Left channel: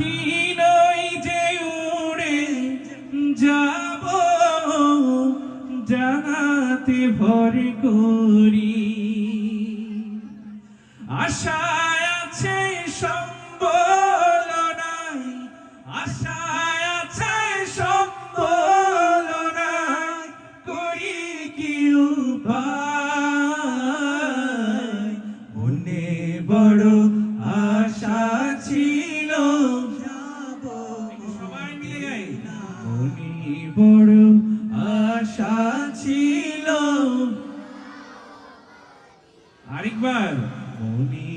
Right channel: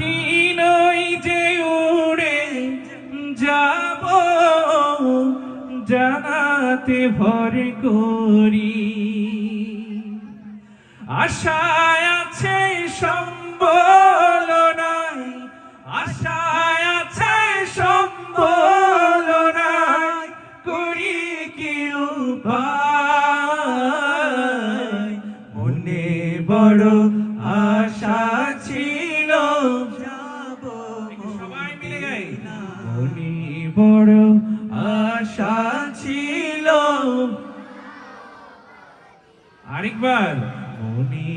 পাখি নই যে উড়ে যাব জানাতে ভর করি আশায় আছে সম্বল নাই আশায় আছে সম্বল নাই করি কি উপায় মনে বড় আশা ছিল যাব সবাই মিলে গাই মনে বড় আশা ছিল আরেকবার মনে